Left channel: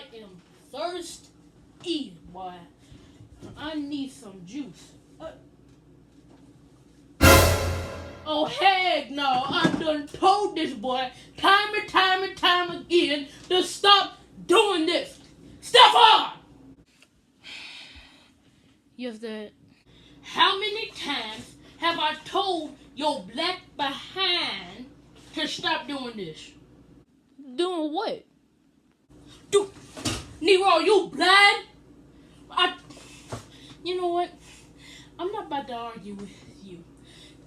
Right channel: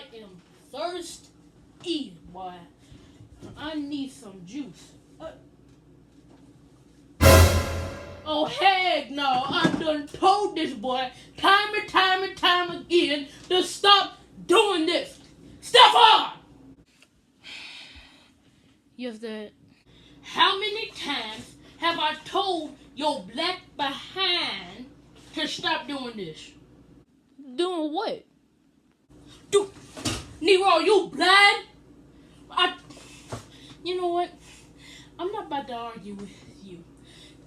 I am thirsty, boy. I need some juice. Oh, heck no. I done told this boy time and time again to stop doing this. Stefan! Yes, Dad. How many times have I told your black behind to stop doing this? Doing what? Nero, you blind? You know what? I'm not about to argue with you.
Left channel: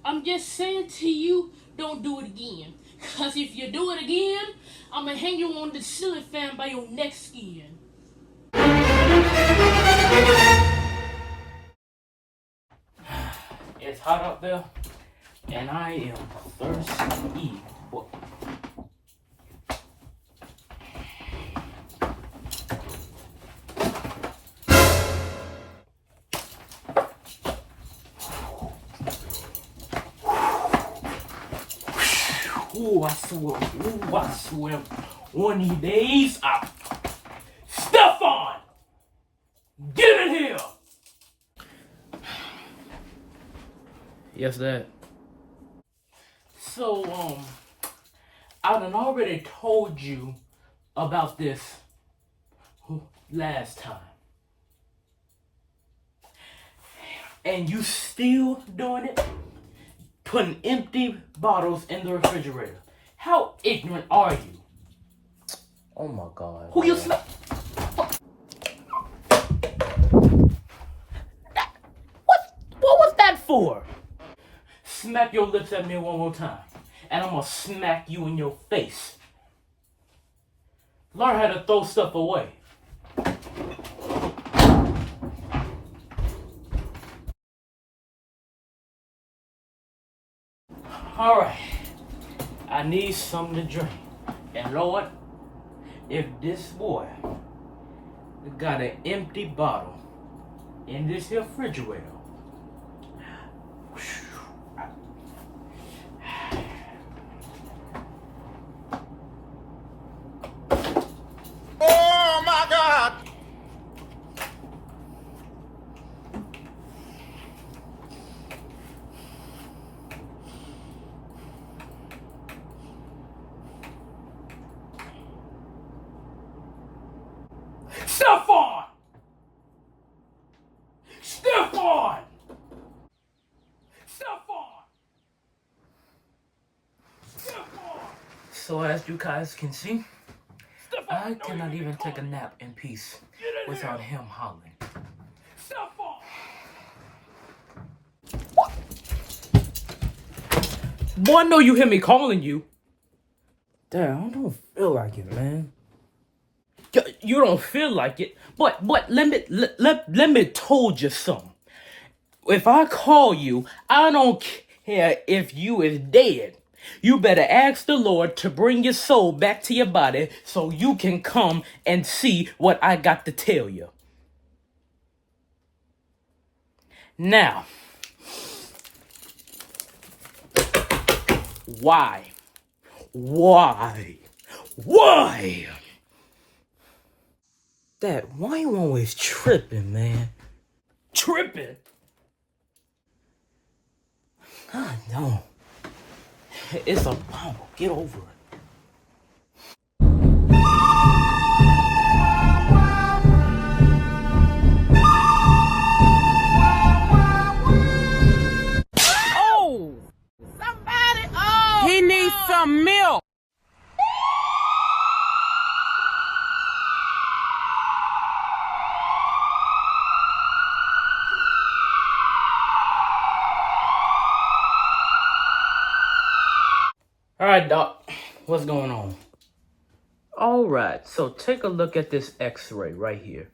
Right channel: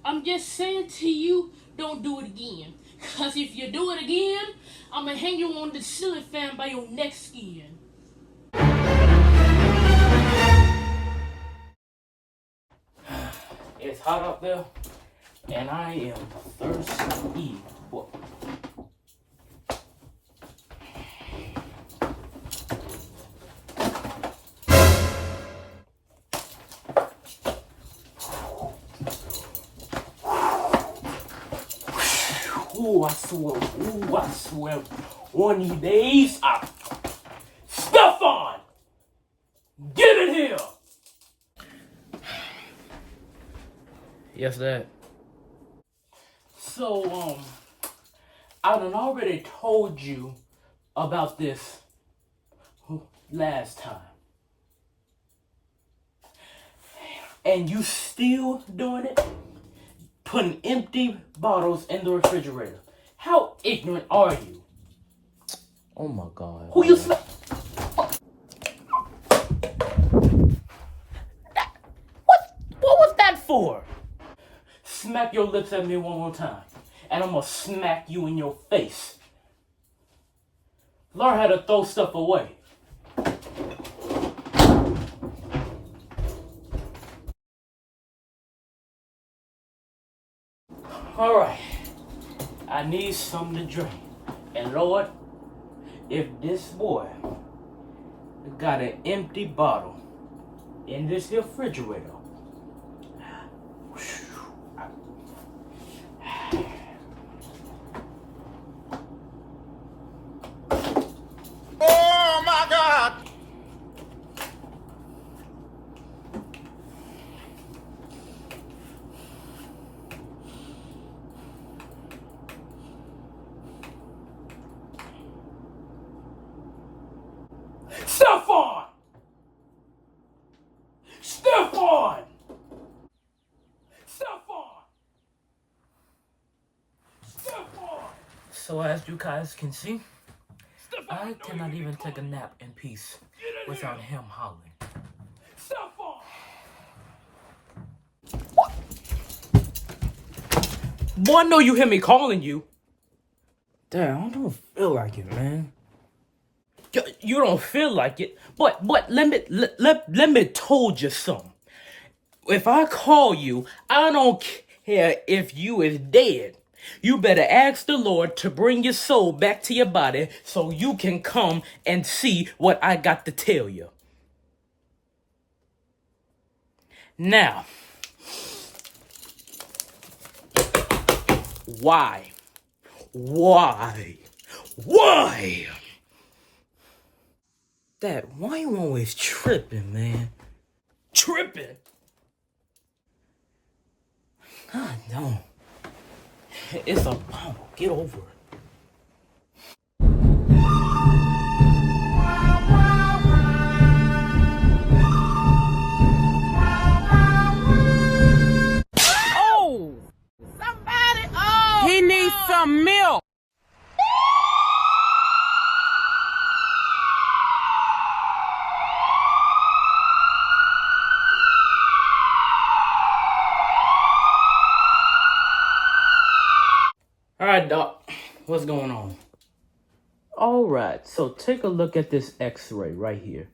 I'm just saying to you, don't do it again. Cause if you do it again, I'ma hang you on the ceiling fan by your neck skin. It's hot out there, and I am thirsty. I swear, one of these days, Stefan, get in here. Yes, Dad. So, I done already told you about this last time. And you still doing it? Putting empty bottles in the refrigerator. How ignorant are you? Oh my God. Who you smack? What was that for? Smack your lips at me one more time, and I'm gonna smack you in your face. Learn how to throw stuff away. All right, I need something to drink. And Lord, if this boy got an empty bottle in this here refrigerator, oh my God! Stefan! Stefan! Stefan! Stefan! So as you guys can see, I cannot even take a nap in peace without him hollering. Boy, I know you hear me calling you. Dad, I don't feel like it, man. You don't feel like it, but let me told you something. If I call you, I don't care if you is dead. You better ask the Lord to bring your soul back to your body so you can come and see what I got to tell you. Now, why? Dad, why you always tripping, man? Tripping? I know. It's a bumble. Get over it. Oh! Somebody! Oh! He needs some milk! All right, Doc, what's going on? All right, so take a look at this x-ray right here.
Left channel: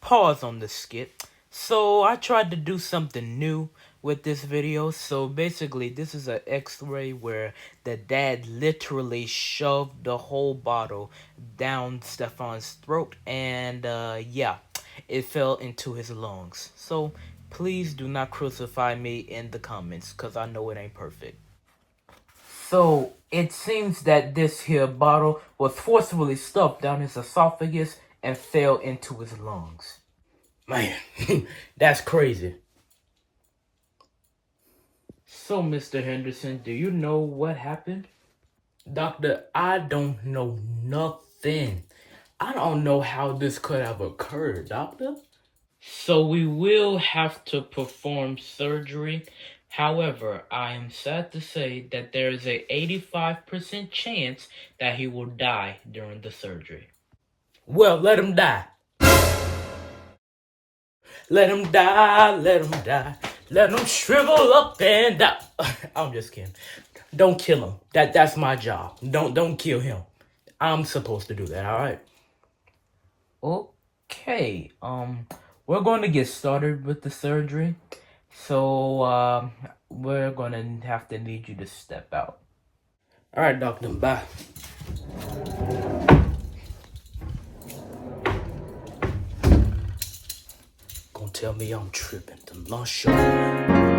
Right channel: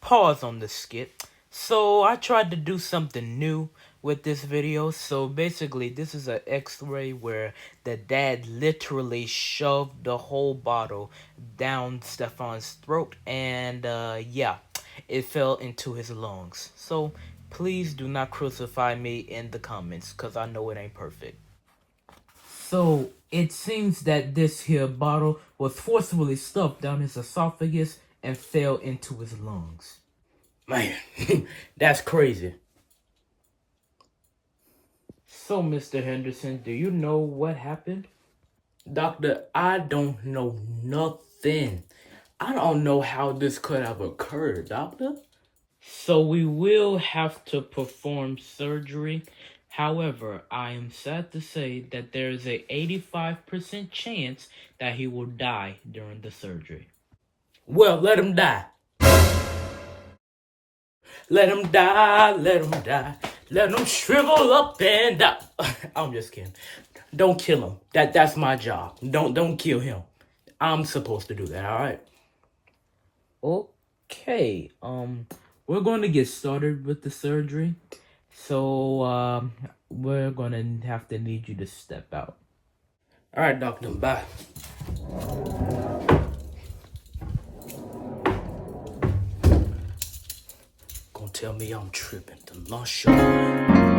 Pause on the skit. So I tried to do something new with this video. So basically, this is an x-ray where the dad literally shoved the whole bottle down Stefan's throat. And yeah, it fell into his lungs. So please do not crucify me in the comments because I know it ain't perfect. So It seems that this here bottle was forcibly stuffed down his esophagus and fell into his lungs. Man, that's crazy. So, Mr. Henderson, do you know what happened? Doctor, I don't know nothing. I don't know how this could have occurred, doctor. So we will have to perform surgery. However, I am sad to say that there is a 85% chance that he will die during the surgery. Well, let him die. Let him die, let him die. Let him shrivel up and die. I'm just kidding. Don't kill him. That's my job. Don't kill him. I'm supposed to do that, all right? Okay, we're going to get started with the surgery. So, we're going to have to need you to step out. All right, doctor, bye. Gonna tell me I'm tripping. The lunch show.